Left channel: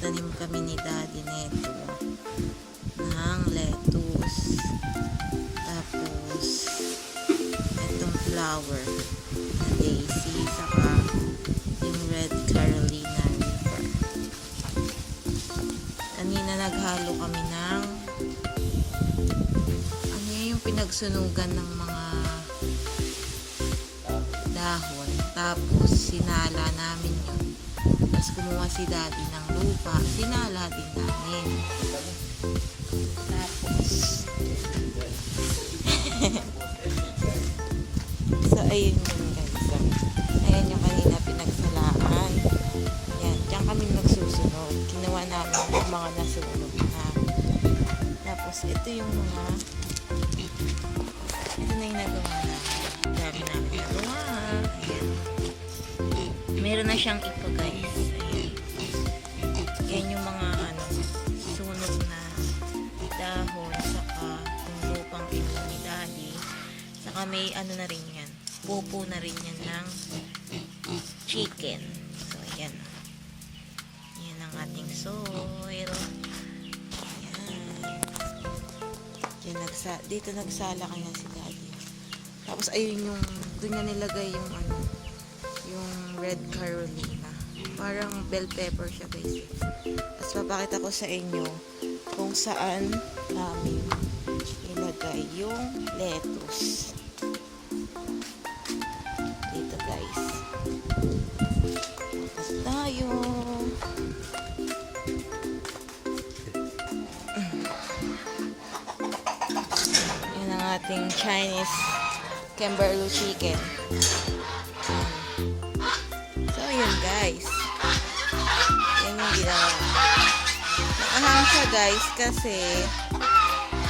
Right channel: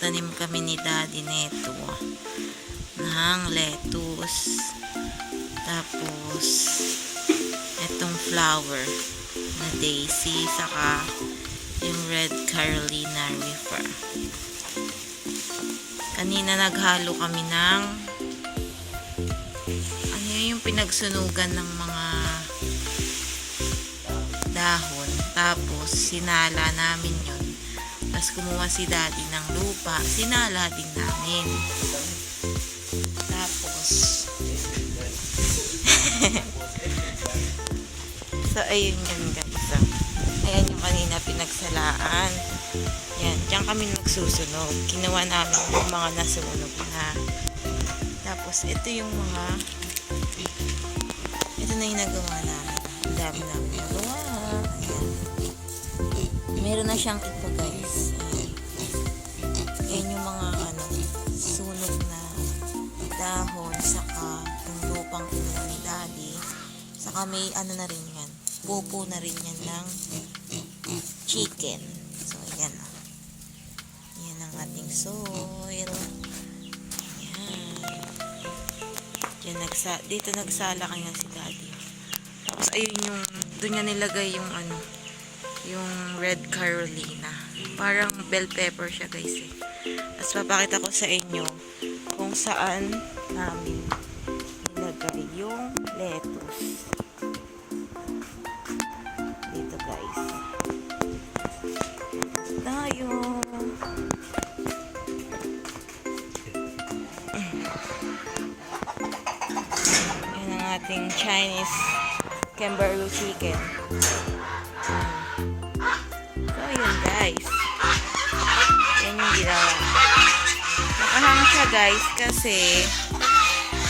nagtanim kami ni Daddy neto ng lettuce. Tapos itong flower na daisy, saka yung red Carolina Reaper. Kanina naghalo kami ng ano yung pinagsunugan ng mga dahon, tapos sinala namin yun. Tapos kumuha si Daddy ng lupa, sinala din namin. Tapos so ayun yun guys. Ayan yung kanina pinagsalaan. Yan, diyan kami magsusunog. Kinuha namin yung mga nasunog na. Tapos ito yung mga, ito na yung nagawa namin. Ang dami namin nagawa. Ayan. Meron na siyang ipa guys. Ayan. Yan yung mga sunog na dahon, saka yung lupang kinuha ni Daddy. Saka may na rin yan. Pupo na rin yan ng chicken. So ayan. Yan ang ating soil. Ayan. Dito nagsala kaya si Daddy. Tapos ayun yung, doon niya nilagay yung yung red Carolina. Parang bell pepper siya guys eh. Tapos papakita ko sa inyo kung saan namin nilagay yung lettuce. Dito guys. Tapos tayo. Yan ang ating Chinese Camberlu chicken. So yun guys. Yan yung ginawa. Nakahang siya guys kasi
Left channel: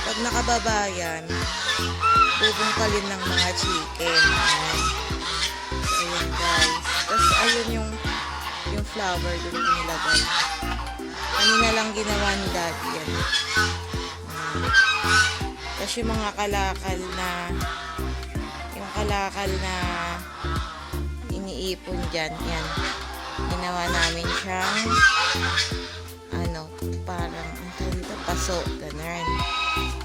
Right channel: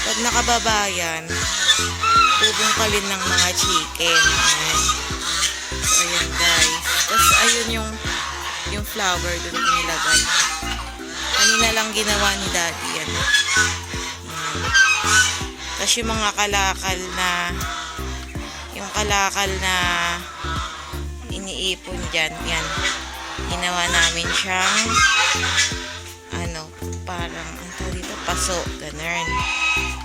pag nakababa yan, bubungkalin ng mga chicken. Ayan. So ayan guys. Tapos ayun yung flower dun ko nilagay. Kanina lang ginawa ni Daddy yan. Ayan. Tapos yung mga kalakal na iniipon dyan, yan. Ginawa namin siyang parang dito paso, ganun.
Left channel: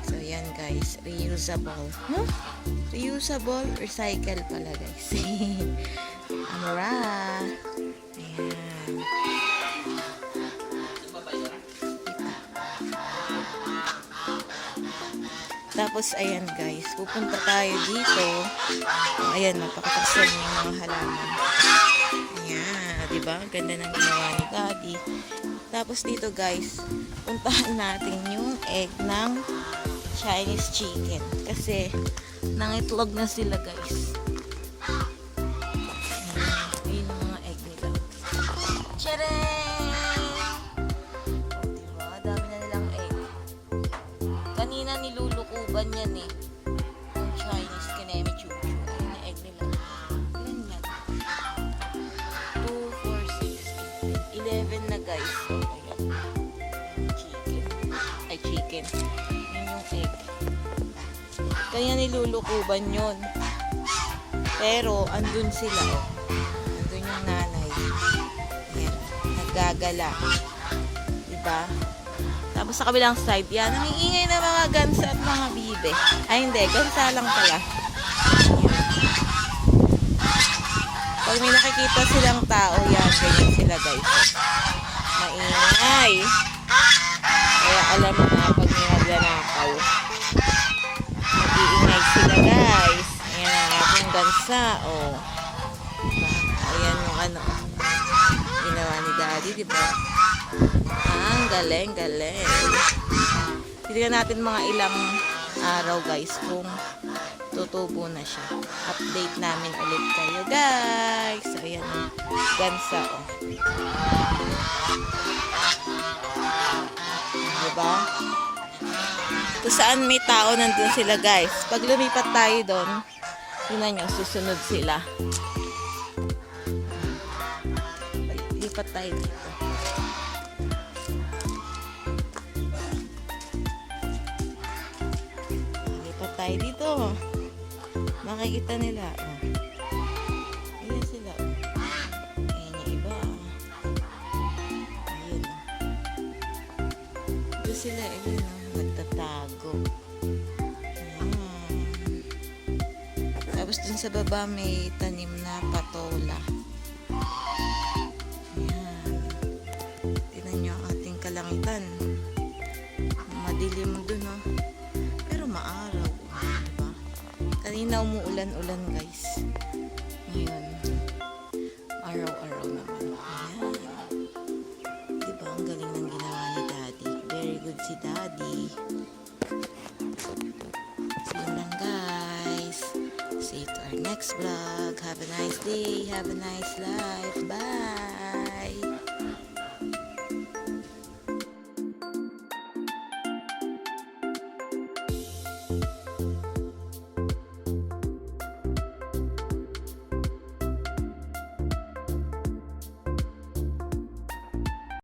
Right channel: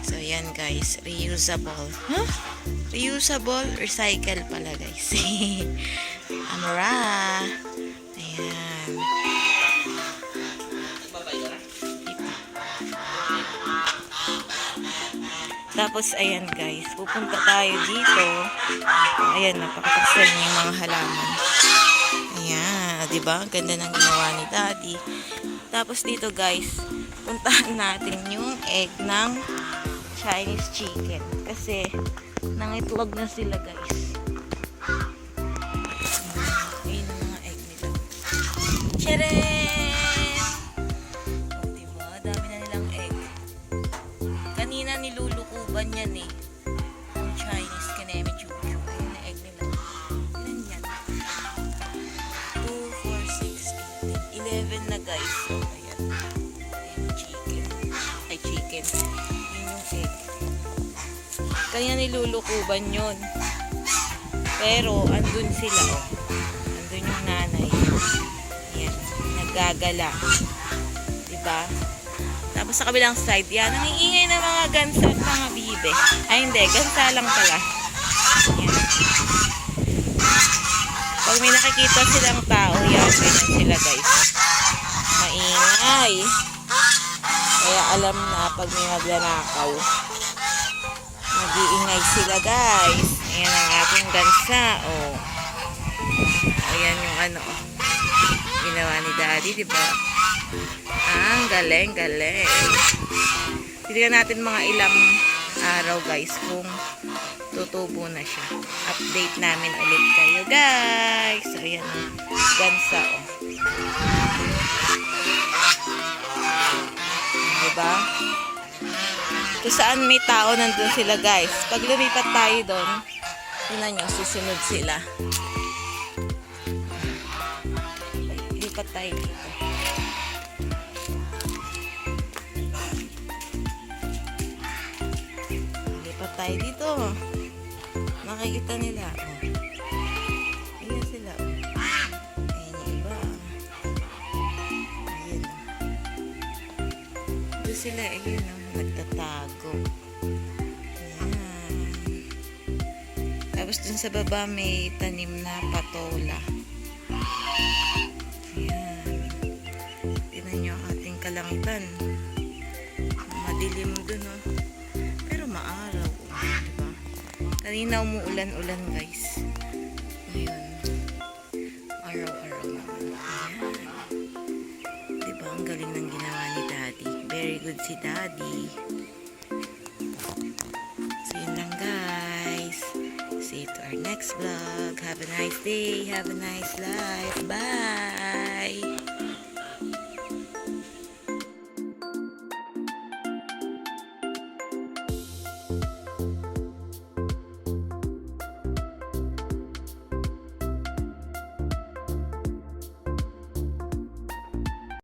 So yan guys, reusable. Huh? Reusable, recycle pala guys. Amara. Ayan. Tapos ayan guys, pupunta tayo dito. Ayan, napakatasan yung mga halaman. Ayan, diba? Ganda ng ginawa ni Daddy. Tapos dito guys, puntahan natin yung egg ng Chinese chicken. Kasi nangitlog na sila guys. Ayan yung mga egg nila. Tcharam! O diba? Dami na nilang egg. Kanina nilulukuban yan eh. Yung Chinese kanemi chuchu. Ayan yung egg nila. Ilan yan? 2, 4, 6, 11 na guys. So, ayan. Ayan, chicken. Ay, chicken. Yun yung egg. Kanya nilulukuban yun. Pero, andun sila, oh. Andun yung nanay. Ayan. Naggagala. Diba? Tapos sa kabilang side, yan. Nangiingay ng mga gansa at mga bibe. Ay, hindi. Gansa lang pala. Ayan. Pag may nakikita silang tao, yan. Ganyan sila, guys. Maingay. Kaya alam na pag may maglanakaw, mag-iingay sila guys. Ayan ang ating gansa. Oh. Ayan yung ginawa ni Daddy, diba? Ang galing. Tignan natin mga ilang araw guys kung tutubo na siya. Update namin ulit kayo guys. So ayan ang gansa. Oh. Diba? Kung saan may tao, nandun sila guys. Pag lumipat tayo doon, tingnan nyo, susunod sila. Lipat tayo dito. Lipat tayo dito. Makikita nila. Oh. Ayan sila. Ayan yung iba. Ayan. sila. Ayun, oh, nagtatago. Ayan. Tapos dun sa baba may tanim na patola. Ayan. Tingnan nyo ang ating kalangitan. Madilim dun, oh. Pero maaraw, oh, diba? Kanina umuulan-ulan, guys. Ngayon, araw-araw naman. Ayan. Diba, ang galing ng ginawa ni Daddy. Very good si Daddy. So, yun lang, guys. See you to our next vlog. Have a nice day. Have a nice life. Bye!